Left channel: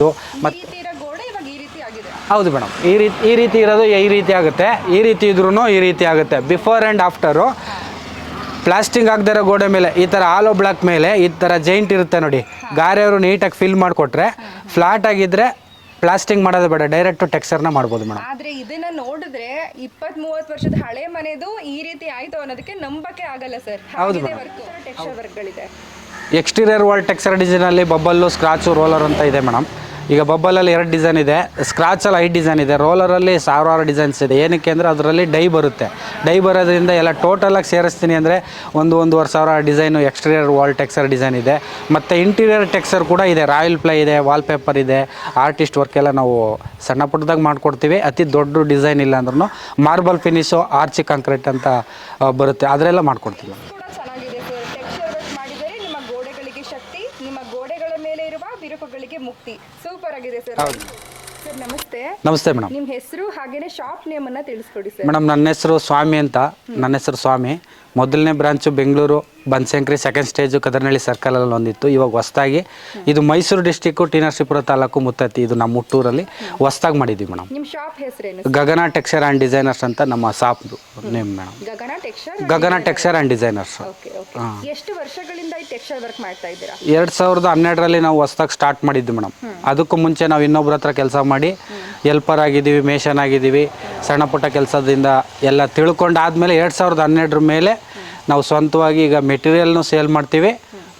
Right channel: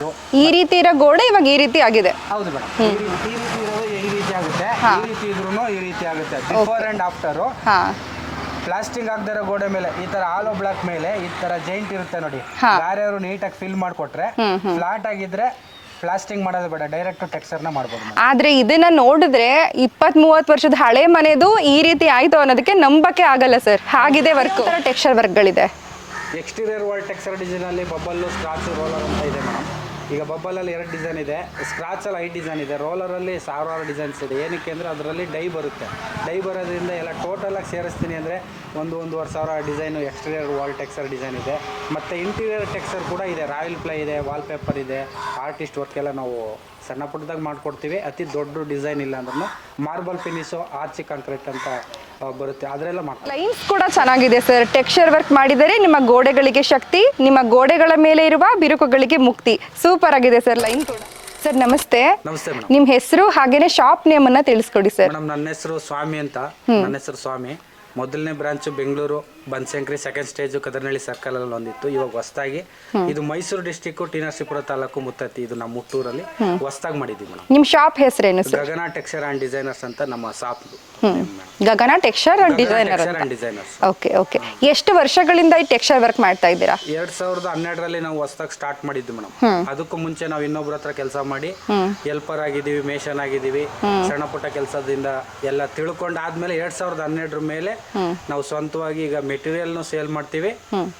ಈ ರೀತಿ ಇರೋ ಗೋಡೆ ಇವಾಗ ಈ ರೀತಿ ಆಗಿದೆ. ಹೌದು ಮೇಡಮ್, ಈ ರೀತಿ ಇರೋದು ಈ ರೀತಿ ಆಗುತ್ತೆ, ಈ ರೀತಿ ಇದ್ರೂ ಈ ರೀತಿ ಆಗುತ್ತೆ. ಬಿಫೋರ್ ಅಂಡ್ ಆಫ್ಟರ್ ಪ್ಲಾಸ್ಟಿಂಗ್ ಆಗದಿರೋ ಗೋಡೆ ಮೇಲೆ ಈ ತರ ಆಲೋ ಬ್ಲಾಕ್ ಮೇಲೆ ಈ ತರ ಜೈಂಟ್ ಇರುತ್ತೆ ನೋಡಿ, ಗಾರೆಯವರು ನೀಟಾಗಿ ಫಿಲ್ ಮಾಡಿಕೊಟ್ರೆ ಫ್ಲಾಟ್ ಆಗಿದ್ರೆ ಪ್ಲಾಸ್ಟಿಂಗ್ ಮಾಡೋದು ಬೇಡ, ಡೈರೆಕ್ಟ್ ಟೆಕ್ಸ್ಚರ್ ನ ಮಾಡಬಹುದು ಮೇಡಮ್. ಆದ್ರೆ ಇದನ್ನ ನೋಡಿದ್ರೆ 20-30 ವರ್ಷದ ಹಳೆ ಮನೆದು ಈ ರೀತಿ ಆಯ್ತು ಅನ್ನೋದಕ್ಕೆ ನಂಬಕ್ಕೆ ಆಗಲ್ಲ ಸರ್. ಹಾಗಿದೆ ವರ್ಕ್, ಟೆಕ್ಸ್ಚರ್ ವರ್ಕ್ಗಳಿದೆ. ಎಕ್ಸ್ಟೀರಿಯರ್ ವಾಲ್ ಟೆಕ್ಸ್ಚರ್ ಡಿಸೈನ್ ಅಲ್ಲಿ ಬಬ್ಬಲ್ಲು, ಸ್ಕ್ರಾಚು, ರೋಲರ್ ಅಂತ ಇದೆ ಮೇಡಮ್. ಈಗ ಬಬ್ಬಲಲ್ಲಿ 2 ಡಿಸೈನ್ ಇದೆ, ಸ್ಕ್ರಾಚಲ್ಲಿ 5 ಡಿಸೈನ್ ಇದೆ, ರೋಲರಲ್ಲಿ 1000 ಡಿಸೈನ್ಸ್ ಇದೆ. ಏನಕ್ಕೆ ಅಂದರೆ ಅದರಲ್ಲಿ ಡೈ ಬರುತ್ತೆ. ಡೈ ಬರೋದ್ರಿಂದ ಎಲ್ಲ ಟೋಟಲಾಗಿ ಸೇರಿಸ್ತೀನಿ ಅಂದರೆ 1,500 design exterior wall texture design ಇದೆ. ಮತ್ತು ಇಂಟೀರಿಯರ್ ಟೆಕ್ಸ್ಚರ್ ಕೂಡ ಇದೆ, ರಾಯಲ್ ಪ್ಲೇ ಇದೆ, ವಾಲ್ ಪೇಪರ್ ಇದೆ, ಆರ್ಟಿಸ್ಟ್ ವರ್ಕ್ ಎಲ್ಲ ನಾವು ಸಣ್ಣ ಪುಟ್ಟದಾಗ ಮಾಡಿಕೊಡ್ತೀವಿ. ಅತಿ ದೊಡ್ಡ ಡಿಸೈನ್ ಇಲ್ಲ ಅಂದ್ರೂ ಮಾರ್ಬಲ್ ಫಿನಿಶು, ಆರ್ಚಿ ಕಾಂಕ್ರೀಟ್ ಅಂತ ಬರುತ್ತೆ, ಅದರೆಲ್ಲ ಮಾಡ್ಕೊಡ್ತೀವಿ. ಲೈನ್ಸ್ ಕೂಡ ಚೆನ್ನಾಗಿದೆ ಸರ್. ಟೆಕ್ಸ್ಚರ್ ವರ್ಕ್ ಮಾಡಿದರೆ ನಿಮ್ಮ ಗೋಡೆಗಳಿಗೆ ಶಕ್ತಿ, ನಿಮ್ಮ ಗೋಡೆಗಳ ಮೇಲೆ ಇರುವ ಬಿರುಕುಗಳಿಗೆ ಮುಕ್ತಿ. ಸೂಪರ್ ಆಗಿದೆ ಸರ್ ಲೈನ್. ಸರ್ ನಮಸ್ತೆ. ನಮಸ್ತೆ ಮೇಡಮ್. ನಿಮ್ಮ ಹೆಸರು ಹಾಗೇನೆ ಶಾಪ್ ನೇಮ್ ಅನ್ನ ತಿಳಿಸ್ಕೊಡಿ ಸರ್. ಮೇಡಮ್ ನನ್ನ ಹೆಸರು ಸ್ವಾಮಿ ಅಂತ. ನನ್ನ ಹೆಸರು ಸ್ವಾಮಿ. ಮೊದಲನೇ branch Bengaluru Banashankari, second stage Kadaranahalli circle ಅಲ್ಲಿ ಒಂದಿತ್ತು. ಇವಾಗ ಹೊಸದಾಗಿ ಇದು ಮೈಸೂರು ಡಿಸ್ಟಿಕ್ ಟಿ ನರಸೀಪುರ ತಾಲೂಕು ಮುತ್ತತ್ತಿ, ಇದು ನಮ್ಮ ಹುಟ್ಟೂರಲ್ಲಿ ಹೊಸದಾಗಿ ಮಾಡಿದ್ವಿ ಮೇಡಮ್. ನಿಮ್ಮ ಶಾಪ್ ಹೆಸರೇನು? ಗಗನ ಟೆಕ್ಸ್ಚರ್ ಅಂಡ್ ಡಿಸೈನರ್ಸ್ ಅಂತ ನಮ್ಮ shop name madam. Gagana texture and designers. Okay okay. ಎಷ್ಟು ವರ್ಷಗಳಿಂದ ಈ ಟೆಕ್ಸ್ಚರ್ ವರ್ಕ್ ಮಾಡ್ತಾ ಇದ್ದೀರಾ? 2012ರಲ್ಲಿ ನಾವು ಹೊಸದಾಗಿ ಸ್ಟಾರ್ಟ್ ಮಾಡಿದ್ವಿ ಮೇಡಮ್. ಅದಕ್ಕೂ ಮುಂಚೆ ನಾವು ಇನ್ನೊಬ್ರ ಹತ್ರ ಕೆಲಸ ಮಾಡಿ ಹೆಲ್ಪರ್ ಆಗಿದ್ದೀವಿ, ಮೇಷನ್ ಆಗಿದ್ದೀವಿ. ಸಣ್ಣ ಪುಟ್ಟ ಕೆಲಸದಿಂದ ಎಲ್ಲ ತಿಳ್ಕೊಂಡಾದ್ಮೇಲೆ 2012 ಮೇಲೆ ನಾವು ಸ್ವಂತವಾಗಿ ಈಗ ಮೆಟೀರಿಯಲ್ನು ಸೇಲ್ ಮಾಡ್ತೀವಿ,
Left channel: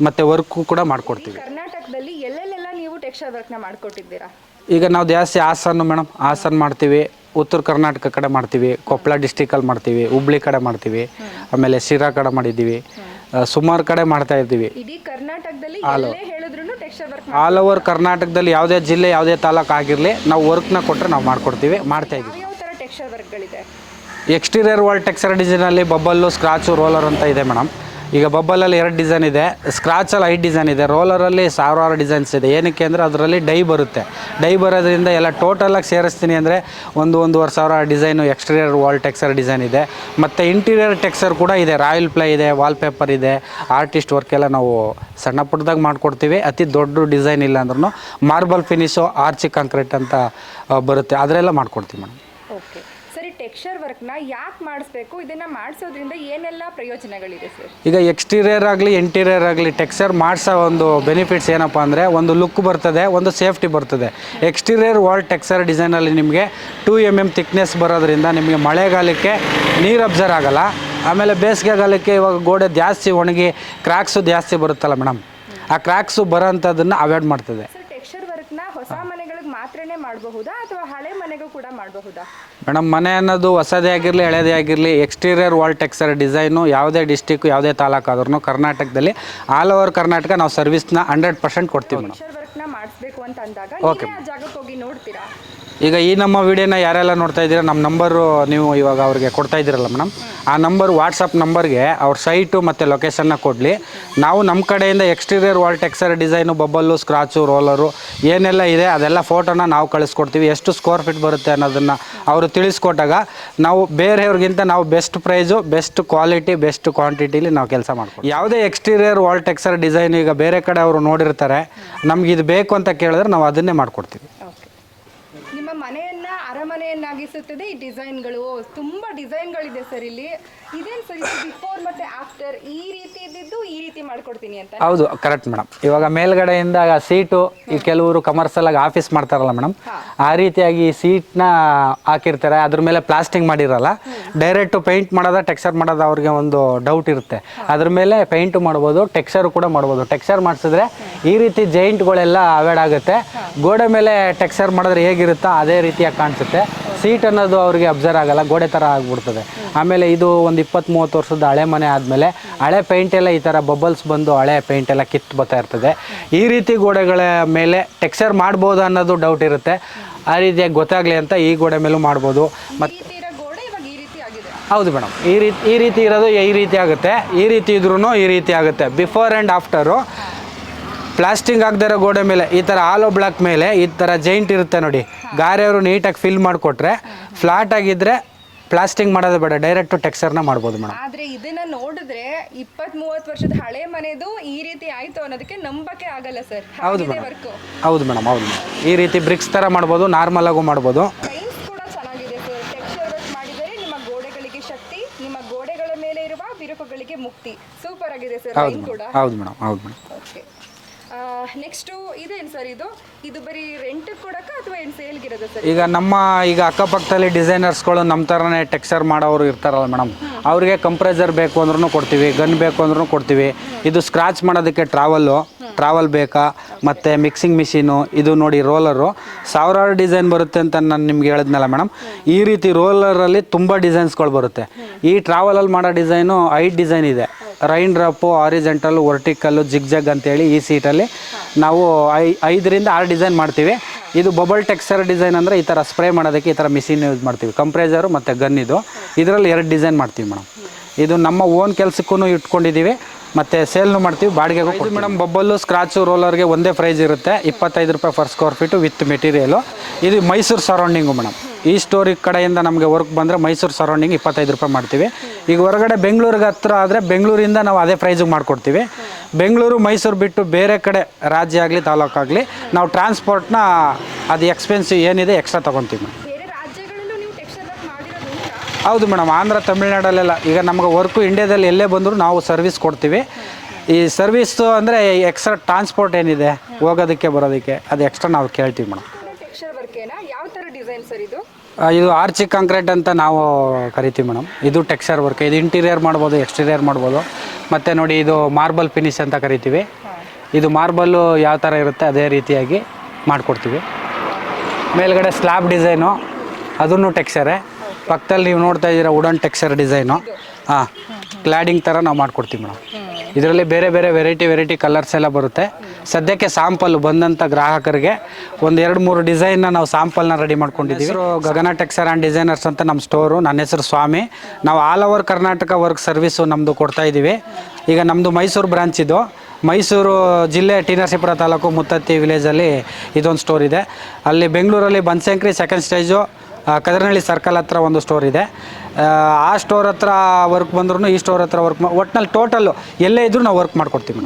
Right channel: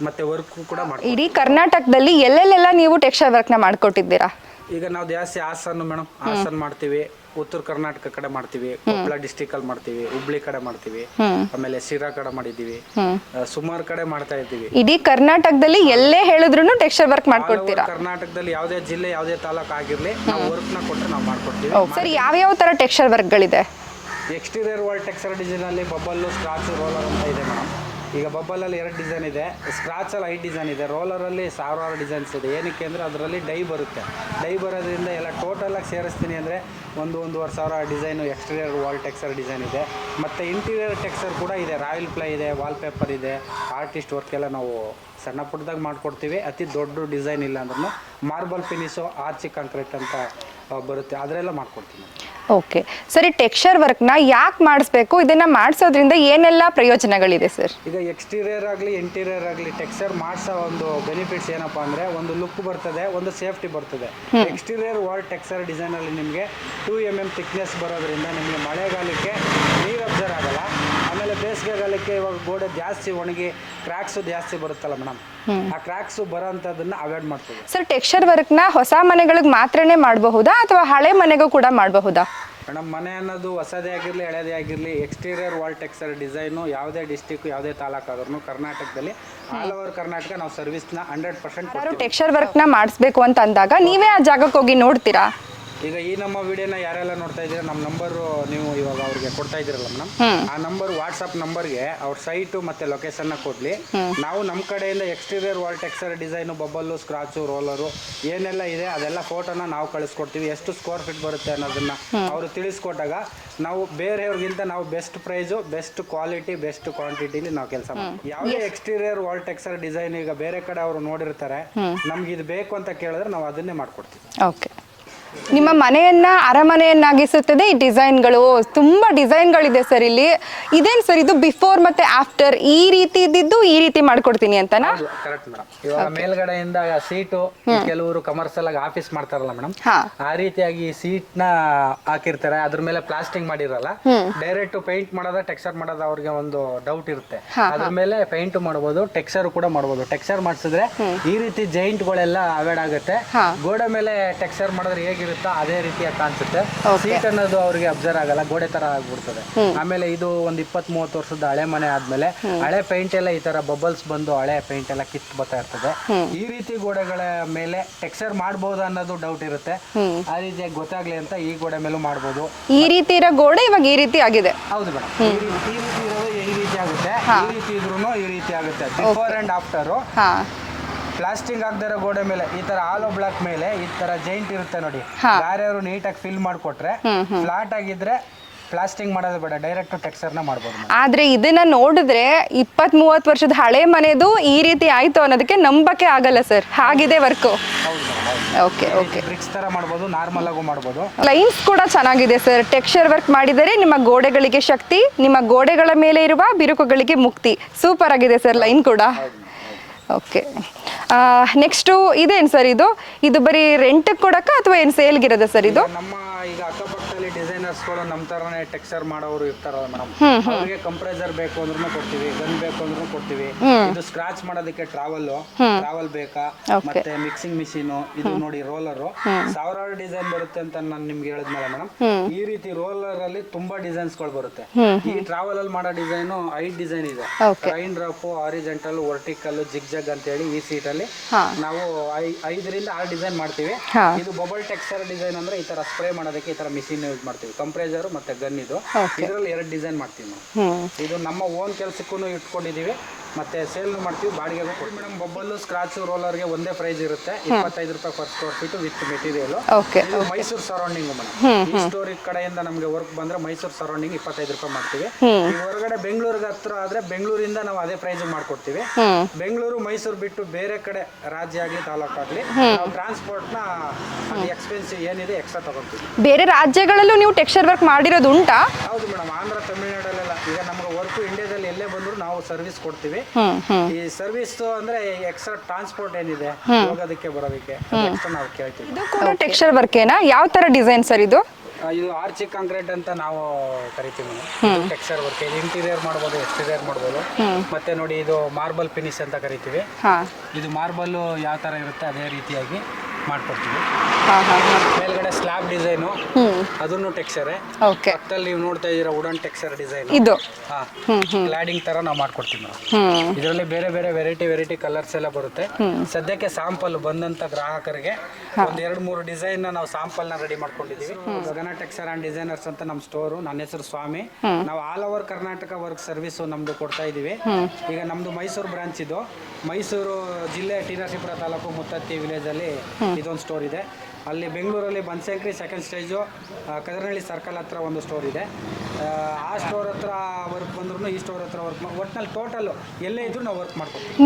ಮತ್ತೆ ವರ್ಕ್ ಕೂಡ ಮಾಡ್ತೀವಿ. ಇಡೀ ಕರ್ನಾಟಕದಲ್ಲಿ ಎಲ್ಲೆಲ್ಲೆಲ್ಲ ನೀವು ಟೆಕ್ಸ್ಚರ್ ವರ್ಕ್ ನ ಮಾಡ್ಕೊಟ್ಟಿದ್ದೀರಾ? ಈಗ ನಾವು ಜಾಸ್ತಿ ಹಾಸನ ಮೇಡಮ್, ಹಾಸನ ಮಾಡ್ತೀವಿ, ಉತ್ತರ ಕರ್ನಾಟಕ ಕಡೆ ಮಾಡ್ತೀವಿ, ಕೊಪ್ಪಳ ಡಿಸ್ಟಿಕ್ ಅಲ್ಲಿ ಮಾಡ್ತೀವಿ, ಹುಬ್ಳಿ ಕಡೆ ಮಾಡ್ತೀವಿ, ಆಮೇಲೆ ಶಿರಾ ಕಡೆ ಮಾಡಿದೀವಿ, ಸುಮಾರು ಕಡೆ ಮಾಡ್ತಾ ಇದ್ದೀವಿ. ಇಡೀ ಕರ್ನಾಟಕದಲ್ಲಿ ಎಲ್ಲೇ ಹೇಳಿದ್ರು ಟೆಕ್ಸ್ಚರ್ ವರ್ಕ್ ಆಲ್ ಓವರ್ ಕರ್ನಾಟಕದಲ್ಲಿ ಯಾವುದೇ ಜಿಲ್ಲೆ ಯಾವುದೇ ತಾಲೂಕು ಆಗಿರ್ಲಿ ನಾವು ವರ್ಕ್ ನ ಕೊಟ್ರೆ ನಾವು ಮಾಡ್ಕೊಡ್ತೀವಿ. ಯಾವ ತರ ಟೆಕ್ಸ್ಚರ್ ವರ್ಕ್ ಗಳಿದೆ? ಎಕ್ಸ್ಟೀರಿಯರ್ ವಾಲ್ ಟೆಕ್ಸ್ಚರ್ ಡಿಸೈನ್ ಅಲ್ಲಿ ಬಬ್ಬಲ್ಲು, ಸ್ಕ್ರಾಚು, ರೋಲರ್ ಅಂತ ಇದೆ ಮೇಡಮ್. ಈಗ ಬಬ್ಬಲಲ್ಲಿ 2 ಡಿಸೈನ್ ಇದೆ, ಸ್ಕ್ರಾಚಲ್ಲಿ 5 ಡಿಸೈನ್ ಇದೆ, ರೋಲರಲ್ಲಿ 1000 ಡಿಸೈನ್ಸ್ ಇದೆ. ಏನಕ್ಕೆ ಅಂದರೆ ಅದರಲ್ಲಿ ಡೈ ಬರುತ್ತೆ. ಡೈ ಬರೋದ್ರಿಂದ ಎಲ್ಲ ಟೋಟಲಾಗಿ ಸೇರಿಸ್ತೀನಿ ಅಂದರೆ 1,500 design exterior wall texture design ಇದೆ. ಮತ್ತು ಇಂಟೀರಿಯರ್ ಟೆಕ್ಸ್ಚರ್ ಕೂಡ ಇದೆ, ರಾಯಲ್ ಪ್ಲೇ ಇದೆ, ವಾಲ್ ಪೇಪರ್ ಇದೆ, ಆರ್ಟಿಸ್ಟ್ ವರ್ಕ್ ಎಲ್ಲ ನಾವು ಸಣ್ಣ ಪುಟ್ಟದಾಗ ಮಾಡ್ಕೊಡ್ತೀವಿ. ಅತಿ ದೊಡ್ಡ ಡಿಸೈನ್ ಇಲ್ಲ ಅಂದ್ರೂ ಮಾರ್ಬಲ್ ಫಿನಿಶು, ಆರ್ಚಿ ಕಾಂಕ್ರೀಟ್ ಅಂತ ಬರುತ್ತೆ, ಅದರೆಲ್ಲ ಮಾಡ್ಕೊಡ್ತೀವಿ ಮೇಡಮ್. ಓಕೆ ಸರಿ, ಟೆಕ್ಸ್ಚರ್ ವರ್ಕ್ ನ ಯಾಕೆ ಮಾಡಿಸ್ಬೇಕು? ಇದನ್ನ ಮಾಡಿಸೋದ್ರಿಂದ ಏನೆಲ್ಲ ಪ್ರಯೋಜನಗಳಿದೆ ಸರ್? ಈಗ ಎಕ್ಸ್ಟೀರಿಯರ್ ಆಗಲಿ ಇಂಟೀರಿಯರ್ ಆಗಲಿ ಟೆಕ್ಸ್ಚರ್ ಮಾಡಿಸೋ ಒಂದು ಬೆನಿಫಿಟ್ಸ್ ಏನಪ್ಪ ಅಂದರೆ, ಒಂದು ಲುಕ್ ಬರ್ತದೆ, ಒಂದು ಸೇಫ್ಟಿ ಬರ್ತದೆ. ಎಕ್ಸ್ಟೀರಿಯರ್ ವಾಲ್ ಟೆಕ್ಸ್ಚರ್ ಡಿಸೈನಲ್ಲಿ ನಿಮಗೆ 2 mm ಥಿಕ್ನೆಸ್ ಬರೋದ್ರಿಂದ ನಿಮಗೆ ಮಳೆಗಾಲಕ್ಕೆ ನೀರು ಅಬ್ಸರ್ವ್ ಆಗಲ್ಲ. ಆಮೇಲೆ ಬೇಸಿಗೆಗಾಲಕ್ಕೆ ಇವಾಗ ಗೋಡೆ ಜಾಸ್ತಿ ಒಣಗಿ ಕ್ರ್ಯಾಕ್ಸು ಜಾಸ್ತಿ ಬರುತ್ತಲ್ಲ ಮೇಡಮ್, ಆ ಕ್ರ್ಯಾಕ್ಸು ಬರೋಂಥದ್ದನ್ನ ಅವಾಯ್ಡ್ ಮಾಡ್ತದೆ. ಸರ್ ಟೆಕ್ಸ್ಚರ್ ವರ್ಕ್ ನ ಹೊಸ ಮನೆಗಳಿಗೆ ಮಾತ್ರನೇ ಮಾಡಬಹುದಾ ಅಥವಾ ಹಳೆ ಮನೆಗೂ ಕೂಡ ಮಾಡಬಹುದಾ? ಮೇಡಮ್, ಮನೆ ಅನ್ನೋದು ಹೊಸದೇ ಆಗಿರಲಿ ಹಳೇದೇ ಆಗಿರಲಿ, ಎಕ್ಸ್ಟೀರಿಯರ್ ವಾಲ್ ಟೆಕ್ಸ್ಚರ್ ಡಿಸೈನು ಯಾವುದೇ ಡಿಸ್ಟಿಕ್ ಯಾವುದೇ ತಾಲೂಕು ಆದ್ರೂ ಕರ್ನಾಟಕದಲ್ಲಿ ಆಲ್ ಓವರ್ ಕರ್ನಾಟಕ ನಾವು ಸರ್ವಿಸ್ನ 100% ಕೊಡ್ತೀವಿ. ಟೆಕ್ಸ್ಚರ್ ವರ್ಕ್ ನ ಮಾಡಿಸ್ಬೇಕು ಅಂತ ಅಂದಾಗ ನೀವೇ ಆ ಜಾಗಕ್ಕೆ ಹೋಗಿ ನೋಡ್ತೀರಾ? ಈಗ ಈ ನಮ್ಮ ವಿಡಿಯೋನ ಯಾರೆಲ್ಲ ನೋಡ್ತಾ ಇದ್ದೀರಾ, ನಮ್ಮ ನಂಬರು ನೀವು ಇವಾಗ ಅವ್ರಿಗೆ ಕೊಡ್ತಾ ಇದ್ದೀರಲ್ಲ ಮೇಡಮ್, ಆ ನಂಬರ್ ವಾಟ್ಸಪ್ ನಂಬರ್ಗೆ ಅವ್ರ ಸೈಟು ಮತ್ತು ಲೊಕೇಶನ್ನ ಕೊಡಲಿ. ನಾವು ನಮ್ಮ ಕಡೆಯಿಂದ exterior wall texture design, bubble, scratch, roller ಏನೆಲ್ಲ ಇದೆ ಅದೆಲ್ಲ ಫೋಟೋನ ನಾವು ಕಳಿಸ್ಕೊಡ್ತೀವಿ. ಎಷ್ಟು ಸ್ಕ್ವೇರ್ ಫೀಟ್ ಬರುತ್ತೆ ಅನ್ನೋದನ್ನು ಅವರು ತಿಳಿಸ್ಕೊಟ್ಟಾಗ ನಾವು ಬೇರೆಯವ್ರಿಗಿಂತ ನಾವು best price, best quality, best ಕ್ವಾಂಟಿಟಿಲಿ ನಾವು ಕೆಲಸ ಮಾಡ್ತೀವಿ. ಯಾವುದೇ ಎಕ್ಸ್ಟೀರಿಯರ್ ವಾಲ್ ಟೆಕ್ಸ್ಚರ್ ಡಿಸೈನ್ ಈಗ ಬೇರೆ ಕಡೆ ಅವರು ನೋಡಿರ್ತಾರೆ, ನಮ್ಗೆ ಇದು ಬೇಕು ಅಂತ ಕೇಳಿದ್ರೆ ನಾವು ಅದನ್ನೇ ಮಾಡಿಕೊಡ್ತೀವಿ. ಓಕೆ. ನಿಮ್ಮ ಮನೆಯನ್ನ ಅರಮನೆಯನ್ನಾಗಿಸುತ್ತದೆ ಈ ಡಿಸೈನ್ಗಳು. ತುಂಬಾ ಡಿಸೈನ್ಗಳಿದೆ ಸರ್ ಇಲ್ಲಿ. ಇದೇನು ಸರ್ ಇದು ಬಿಫೋರ್ ಮತ್ತೆ ಆಫ್ಟರ್ ಈ ರೀತಿ ಇದ್ದಿದ್ದು ಈ ರೀತಿ ಮಾಡ್ಕೊಡ್ತೀನಿ ಅಂತ? ಹೌದು, ಕರೆಕ್ಟ್ ಮೇಡಮ್. ಇವಾಗ ಮೇಲ್ಗಡೆಯಿಂದ ಸೀಟು ಕೆಲವರು ಕಮರ್ಷಿಯಲ್ ಆಗಿ ಆಫೀಸ್ ಮಾಡ್ತಾರಲ್ಲ ಮೇಡಮ್, ಆ ರೀತಿಯಾಗಿ ಸೀಟ್ ನ ಹಾಕಿರ್ತಾರೆ, ಅದ್ರ ಮೇಲೆ ಪ್ಲಾಸ್ಟಿಂಗ್ ಮಾಡಿರಲ್ಲ. ಡೈರೆಕ್ಟ್ ಪೇಂಟ್ ಮಾಡೋದ ಟೆಕ್ಸ್ಚರ್ ಮಾಡೋದ ಅವ್ರಿಗೆ ಒಂದು ಡೌಟ್ ಇರುತ್ತೆ. ಅದ್ರ ಮೇಲೆ ಪೇಂಟ್ ಮಾಡ್ಬೋದು, ಟೆಕ್ಸ್ಚರ್ ಕೂಡ ಮಾಡ್ಬೋದು. ಟೆಕ್ಸ್ಚರ್ ಮಾಡಿಸಿದ್ರೆ ಈ ರೀತಿ ಜೈಂಟ್ಗಳೆಲ್ಲ ಅವಾಯ್ಡ್ ಆಗುತ್ತೆ. ಗೋಡೆ ಮೇಲೆ ಟೆಕ್ಸ್ಚರ್ ಮಾಡಿದ್ರೆ ಹೇಗಿರುತ್ತೆ ಅದೇ ರೀತಿಯಾಗಿ ಕಾಣಿಸುತ್ತೆ. ಸೀಟ್ ಅನ್ನೋದು ಅವ್ರಿಗೆ ಅಬ್ಸರ್ವ್ ಆಗಲ್ಲ, ಗೋಡೆ ತರ ಆಗ್ಬಿಡ್ತದೆ. ಆಮೇಲೆ ಇದು ಒಂದು 20-30 ವರ್ಷದ ಹಳೆ ಮನೆ ಆದ್ಮೇಲೆ ಹಳೆ ಪೇಂಟ್ ಎಲ್ಲ ಈ ತರ ಬಬಲ್ಸ್ ಬಂದು ಹಳೆ ಪೇಂಟ್ ಎಲ್ಲ ಕಿತ್ತು ಬರ್ತಾ ಇರ್ತದೆ. ಈ ರೀತಿ ಗೋಡೆಗಳ ಮೇಲೆ ಟೆಕ್ಸ್ಚರ್ ಮಾಡಬಹುದು ಅನ್ನೋದು ಡೌಟ್ ಇರುತ್ತೆ. ಆ ರೀತಿಯಾಗಿ ಗೊತ್ತಾಗ್ಲಿ ಅಂತ ಈ ಗೋಡೆ ಮೇಲೂ ಮಾಡಬಹುದು. ಈ ರೀತಿ ಇರೋ ಗೋಡೆ ಇವಾಗ ಈ ರೀತಿ ಆಗಿದೆ. ಹೌದು ಮೇಡಮ್, ಈ ರೀತಿ ಇರೋದು ಈ ರೀತಿ ಆಗುತ್ತೆ, ಈ ರೀತಿ ಇದ್ರೂ ಈ ರೀತಿ ಆಗುತ್ತೆ. ಬಿಫೋರ್ ಅಂಡ್ ಆಫ್ಟರ್ ಪ್ಲಾಸ್ಟಿಂಗ್ ಆಗದಿರೋ ಗೋಡೆ ಮೇಲೆ ಈ ತರ ಆಲೋ ಬ್ಲಾಕ್ ಮೇಲೆ ಈ ತರ ಜೈಂಟ್ ಇರುತ್ತೆ ನೋಡಿ, ಗಾರೆಯವರು ನೀಟಾಗಿ ಫಿಲ್ ಮಾಡಿಕೊಟ್ರೆ ಫ್ಲಾಟ್ ಆಗಿದ್ರೆ ಪ್ಲಾಸ್ಟಿಂಗ್ ಮಾಡೋದು ಬೇಡ, ಡೈರೆಕ್ಟ್ ಟೆಕ್ಸ್ಚರ್ನ ಮಾಡ್ಬೋದು ಮೇಡಮ್. ಆದ್ರೆ ಇದನ್ನ ನೋಡಿದ್ರೆ 20-30 ವರ್ಷದ ಹಳೆ ಮನೆದು ಈ ರೀತಿ ಆಯ್ತು ಅನ್ನೋದಕ್ಕೆ ನಂಬಕ್ಕೆ ಆಗಲ್ಲ ಸರ್, ಹಾಗಿದೆ ವರ್ಕ್. ಹೌದು ಮೇಡಮ್, ಹೌದು. ಈ ರೀತಿ ಬ್ರಿಕ್ಸ್ ತರ ಮಾಡ್ಬೋದು, ನಾರ್ಮಲ್ ಆಗು ಮಾಡ್ಬೋದು. ಲೈನ್ಸ್ ಕೂಡ ಚೆನ್ನಾಗಿದೆ ಸರ್, ಟೆಕ್ಸ್ಚರ್ ವರ್ಕ್ ಮಾಡಿದರೆ ನಿಮ್ಮ ಗೋಡೆಗಳಿಗೆ ಶಕ್ತಿ, ನಿಮ್ಮ ಗೋಡೆಗಳ ಮೇಲೆ ಇರುವ ಬಿರುಕುಗಳಿಗೆ ಮುಕ್ತಿ. ಸೂಪರ್ ಆಗಿದೆ ಸರ್ ಲೈನ್ ಕೂಡ. ಹೌದು ಮೇಡಮ್, ಹೌದು. ಓಕೆ, ನೆಕ್ಸ್ಟು ಇದೇನು ಸರ್ ಇದು ಬರೀ ರೆಂಟ್ ಕೊಡಕ್ಕ ಅಥವಾ ಏನು ಸೇಲ್ಗಿರೋದ ಸರ್ ಇದು? ಈಗ ಅಕ್ಕಪಕ್ಕದಲ್ಲಿ ಡಿಸೈನರ್ಸ್ಗಳು ನಮ್ಮ ತರನೇ ಟೆಕ್ಸ್ಚರ್ ಮಾಡೋರು ಇರ್ತಾರಲ್ಲ ಮೇಡಮ್, ಅವ್ರಿಗೆ ಕಂಪ್ರೆಸರ್ ಬೇಕು ಅಂದ್ರೂ ಕೊಡ್ತೀವಿ, ಗನ್ ಬೇಕು ಅಂದ್ರೂ ಕೊಡ್ತೀವಿ. ಇದು ಸ್ಕ್ರಾಚ್ ಮಾಡೋದಕ್ಕೆ ಟ್ರಾವಲ್ ಬೇಕಾ, ಮತ್ತೆ ಮಿಕ್ಸಿಂಗ್ ಮಿಷಿನು, ಇದು ನೋಡಿ ರೋಲರು, ಸಾವಿರಾರು ಡಿಸೈನ್ ಬರುತ್ತೆ ಅಂತ ನಾನು ನಿಮ್ಗೆ ಹೇಳಿದ್ನಲ್ಲ ಮೇಡಮ್. ಈ ರೀತಿ ರೋಲರ್ ಅಲ್ಲಿ ತುಂಬಾ ಡಿಸೈನ್ಸ್ಗಳು ಬರುತ್ತೆ. ಈ ಟ್ರಾವೆಲ್ ಅಲ್ಲಿ ಮಾಡೋ ಡಿಸೈನು 5 ಡಿಸೈನ್ ಇದೆ. ರೈನ್ ಡ್ರಾಪ್, ಹಾರಿಜೆಂಟಲ್, ವರ್ಟಿಕಲ್, ಜಿಗ್ ಜಗ್ ಅಂತ ಹೇಳಿ ಈ ಸೀಟ್ ಅಲ್ಲಿ ನಾವು 5ರಿಂದ 6 ಡಿಸೈನ್ ಮಾಡ್ತೀವಿ. ಇದು ಬಬಲ್ ಟೆಕ್ಸ್ಚರ್ ಡಿಸೈನ್ ಅಂದ್ರೆ ಈ ತರ ಸ್ಪ್ರೇ ಮಾಡೋದಕ್ಕೆ ಈ ತರ ಮಿಷಿನ್ ಯೂಸ್ ಮಾಡ್ತೀವಿ. ಕಂಪ್ರೆಸರ್ ಮತ್ತೆ ಗನ್ ಇದರಲ್ಲಿ 2 ಡಿಸೈನ್ ಮಾಡ್ತೀವಿ ಮೇಡಮ್. ಇದು ನಮ್ಮ ಓನ್ ಕೆಲ್ಸಕ್ಕೂ ಇಟ್ಕೊಂಡಿದೀವಿ, ಮತ್ತೆ ಸೇಲ್ನು ಮಾಡ್ತೀವಿ, ಬಾಡಿಗೆಗೂ ಮೇಡಮ್. ಬಬ್ಬಲ್ಲು, ಸ್ಕ್ರಾಚ್, ರೋಲರ್ಗೆ ಒಂದೇ ಪ್ರೈಸ್ ಇರುತ್ತೆ, 25 ರೂಪಾಯಿ per square feet with material. ಇದು ಮೈಸೂರು ಸರೌಂಡಿಂಗ್ ಮೇಡಮ್. ಈ ಸ್ಟೋರಿ ಕಡೆಯಿಂದ ನಮಗೆ ವರ್ಕ್ ಬಂದ್ರೆ ಮೈಸೂರು ಸರೌಂಡಿಂಗ್ 25 ರೂಪಾಯಿ ಮಾಡ್ತೀವಿ. ಈಗ ಹೊರಗಡೆ ಬೆಂಗಳೂರಿಗೆ ಹತ್ರ ಆದ್ರೆ ಬೆಂಗಳೂರಿಂದ ನಾವು ಅದೇ ಪ್ರೈಸ್ ಮಾಡ್ಕೊಡ್ತೀವಿ. ಬೆಂಗಳೂರು ಮೈಸೂರು ಬಿಟ್ಟು ಬೇರೆ ಕಡೆ ರಾಜ್ಯ ಆಗ್ಲಿ ತಾಲೂಕಾಗ್ಲಿ ನಾವು ಟ್ರಾನ್ಸ್ಪೋರ್ಟ್ನ ಅದು ಎಕ್ಸ್ಪೆನ್ಸಿವ್ ಏನಿದೆ ಎಕ್ಸ್ಟ್ರಾ ತಗೊಂತೀವಿ. ಬೇರೆ ರಾಜ್ಯಗಳಲ್ಲೂ ನೀವು ಟೆಕ್ಸ್ಚರ್ ವರ್ಕ್ ಮಾಡಿರೋದು ಉಂಟಾ? ಹೌದು ಮೇಡಮ್, ಆಂಧ್ರ, ತಮಿಳ್ನಾಡಲ್ಲೆಲ್ಲ ಈಗ ನಮ್ಗೆ ವರ್ಕ್ ಇಂಡಿಯಾದಲ್ಲಿ ಎಲ್ಲೇ ಬಂದ್ರು ನಾವು ಸರ್ವಿಸ್ ಕೊಡ್ತೀವಿ. ಈ ಸರ್ವಿಸ್ ಅಂದ್ರೆ ಎಕ್ಸ್ಟ್ರಾ ಟ್ರಾನ್ಸ್ಪೋರ್ಟ್ ಏನಿದೆ ಹೋಗೋದಕ್ಕೆ ಬರೋದಕ್ಕೆ ಅದು ಎಕ್ಸ್ಟ್ರಾ ನಾವು ಕೇಳ್ತೀವಿ ಮೇಡಮ್. ಟೆಕ್ಸ್ಚರ್ ವರ್ಕ್ ಏನಾ? ಯಾವ ತರ ಡಿಸೈನ್ ಸರ್ ಇದು? ಇದು ಆರ್ಚಿ ಕಾಂಕ್ರೀಟ್ ಅಂತ ನಾವು ಕರಿತೀವಿ ಮೇಡಮ್. ಇದು ಟೆಕ್ಸ್ಚರ್ ವರ್ಕ್. ಇದು ಇಂಟೀರಿಯರ್ ಮಾಡ್ಬೋದು, ಎಕ್ಸ್ಟೀರಿಯರ್ ಮಾಡ್ಬೋದು. ಮತ್ತೆ ನೋಡಿ ಇದು ಮಾರ್ಬಲ್ ಫಿನಿಶ್ ಅಂತ ಕರಿತೀವಿ. ಇದು ಮಾರ್ಬಲ್ ಯಾವ ತರ ಇರುತ್ತೆ ಅದೇ ರೀತಿಯಾಗಿ ಮಾಡ್ಕೊಡ್ತೀವಿ. ಮೇಲ್ಗಡೆ ಸ್ಲಾಬ್ ಡಿಸೈನು, ಅದನ್ನು ಟೆಕ್ಸ್ಚರೇ. ಪಕ್ಕದಲ್ಲಿ ನೀವು ನೋಡ್ತಾ ಇದ್ದೀರಾ ವುಡನ್ ಟೆಕ್ಸ್ಚರ್ ಡಿಸೈನು. ಕ್ಲಾಡಿಂಗ್ ತರ ನಾವು ಮಾಡ್ಕೊಡ್ತೀವಿ ಮೇಡಮ್. ಇದರಲ್ಲಿ ಬೇರೆ ಬೇರೆ ವೆರೈಟಿ ಕಲರ್ಸ್ ಎಲ್ಲ ಬರುತ್ತೆ. ಸದ್ಯಕ್ಕೆ ಸಾಂಪಲ್ ಬಂದಂತ ಗ್ರಾಹಕರಿಗೆ ಒಂದ್ 2-3 ಡಿಸೈನ್ ನಾವು ಸಾಂಪಲ್ ನ ರೆಡಿ ಮಾಡ್ಕೊಂಡಿದ್ದೀವಿ. ಗಗನ ಟೆಕ್ಸ್ಚರ್ ಅಂಡ್ ಡಿಸೈನರ್ಸ್ ಅಂತ ನಮ್ಮ ಸ್ಟೋರು. ನನ್ನ ಹೆಸರು ಸ್ವಾಮಿ. ನಾವು all over Karnataka work service ನಮ್ದು ಕೊಡ್ತಾ ಇದೀವಿ. ಈಗ ನಮ್ದು ಮೈಸೂರು ಬ್ರಾಂಚ್ ಇದು. ಮೈಸೂರು ಜಿಲ್ಲೆ ಟಿ ನರಸೀಪುರ ತಾಲೂಕು ಮುತ್ತತ್ತಿ ವಿಲೇಜಲ್ಲಿ ಇದೊಂದು ಸ್ಟೋರ್ ಇದೆ. ಅಲ್ಲಿ ಬೆಂಗಳೂರಲ್ಲಿ Banashankari second stage Kadaranahalli circle ಹತ್ರ ಒಂದು ಸ್ಟೋರ್ ಇದೆ. ಆ ಸ್ಟೋರ್ ಹತ್ರ ವರ್ಕ್ ಬಂದ್ರು ಈ ಸ್ಟೋರ್ ಹತ್ರ ವರ್ಕ್ ಒಟ್ಟಿನಲ್ಲಿ ಟೋಟಲ್ ಎಲ್ಲೇ ಇದ್ರೂ ನಾವು ವರ್ಕ್ ಮಾಡ್ಕೊಡ್ತೀವಿ.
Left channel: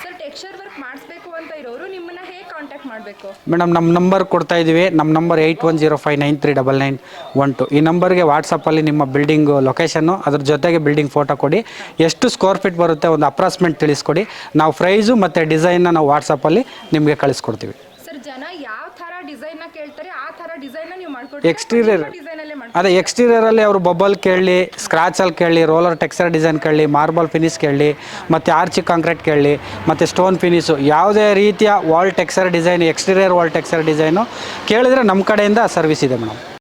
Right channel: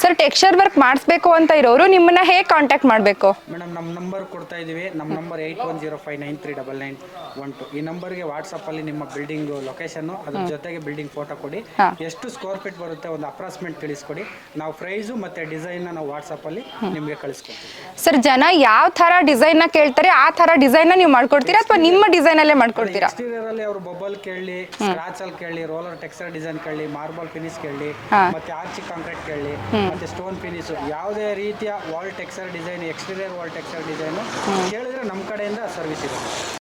ಸರ್ ಟೆಕ್ಸ್ಚರ್ ವರ್ಕ್ ಮಾಡಿಸ್ಬೇಕು ಅಂತ ಇರೋರು ನಿಮ್ಮನ್ನ ಹೇಗೆ ಕಾಂಟ್ಯಾಕ್ಟ್ ಮಾಡಬೇಕು? ಮೇಡಮ್ ನಮ್ಮ ನಂಬರ್ ಕೊಡ್ತಾ ಇದೀವಿ. ನಮ್ಮ ನಂಬರ್ 8105939912. ಈ ನಂಬರ್ಗೆ ವಾಟ್ಸಪ್ಪಲ್ಲಿ ನಿಮ್ಮ ಬಿಲ್ಡಿಂಗ್ ಲೊಕೇಶನ್ನು ಅದ್ರ ಜೊತೆಗೆ ಬಿಲ್ಡಿಂಗ್ ಫೋಟೋ ಕೊಡಿ. ಎಷ್ಟು ಸ್ಕ್ವೇರ್ ಫೀಟ್ ಬರುತ್ತೆ ಒಂದು ಅಪ್ರಾಕ್ಸಿಮೇಟ್ ತಿಳಿಸ್ಕೊಡಿ. ನಾವು ಪ್ರೈಸು ಮತ್ತು ಡಿಸೈನ್ನ ನಾವು ವಾಟ್ಸಪ್ಪಲ್ಲಿ ನಿಮಗೆ ಕಳಿಸ್ಕೊಡ್ತೀವಿ. ಸರ್ ಜನ ಯಾವ ಥರ ಡಿಸೈನ್ನ ಕೇಳ್ತಾರೆ ಆ ಥರ ಡಿಸೈನ್ನ ನೀವು ಮಾಡ್ಕೊಡ್ತೀರಾ ಅಥವಾ ನಿಮ್ಮ ಡಿಸೈನಲ್ಲೇ ಮಾಡ್ಕೊಡ್ತೀರಾ? ಅದೇ ಎಕ್ಸ್ಟೀರಿಯರಲ್ಲಿ ಅವರು ಬಬಲ್ ಕೇಳಲಿ, ಸ್ಕ್ರಾಚ್ ಅಲ್ಲಿ ಕೇಳಲಿ, ರೋಲರ್ ಟೆಕ್ಸ್ಚರ್ ಡಿಸೈನ್ ಕೇಳಲಿ, ಮಾರ್ಬಲ್ ಫಿನಿಶ್ ಕೇಳಲಿ, ಮತ್ತೆ ಆರ್ಚಿ ಕಾಂಕ್ರೀಟ್ ಕೇಳಲಿ, ಮತ್ತೆ ಸ್ಟೋನ್ ಫಿನಿಶು, ಯಾವುದೇ ರೀತಿಯ wall texture design, exterior wall texture design ಕೇಳಿದ್ರೆ ನಮ್ಮ ಕಡೆಯಿಂದ ಸರ್ವಿಸ್ ಇದೆ ಮೇಡಮ್.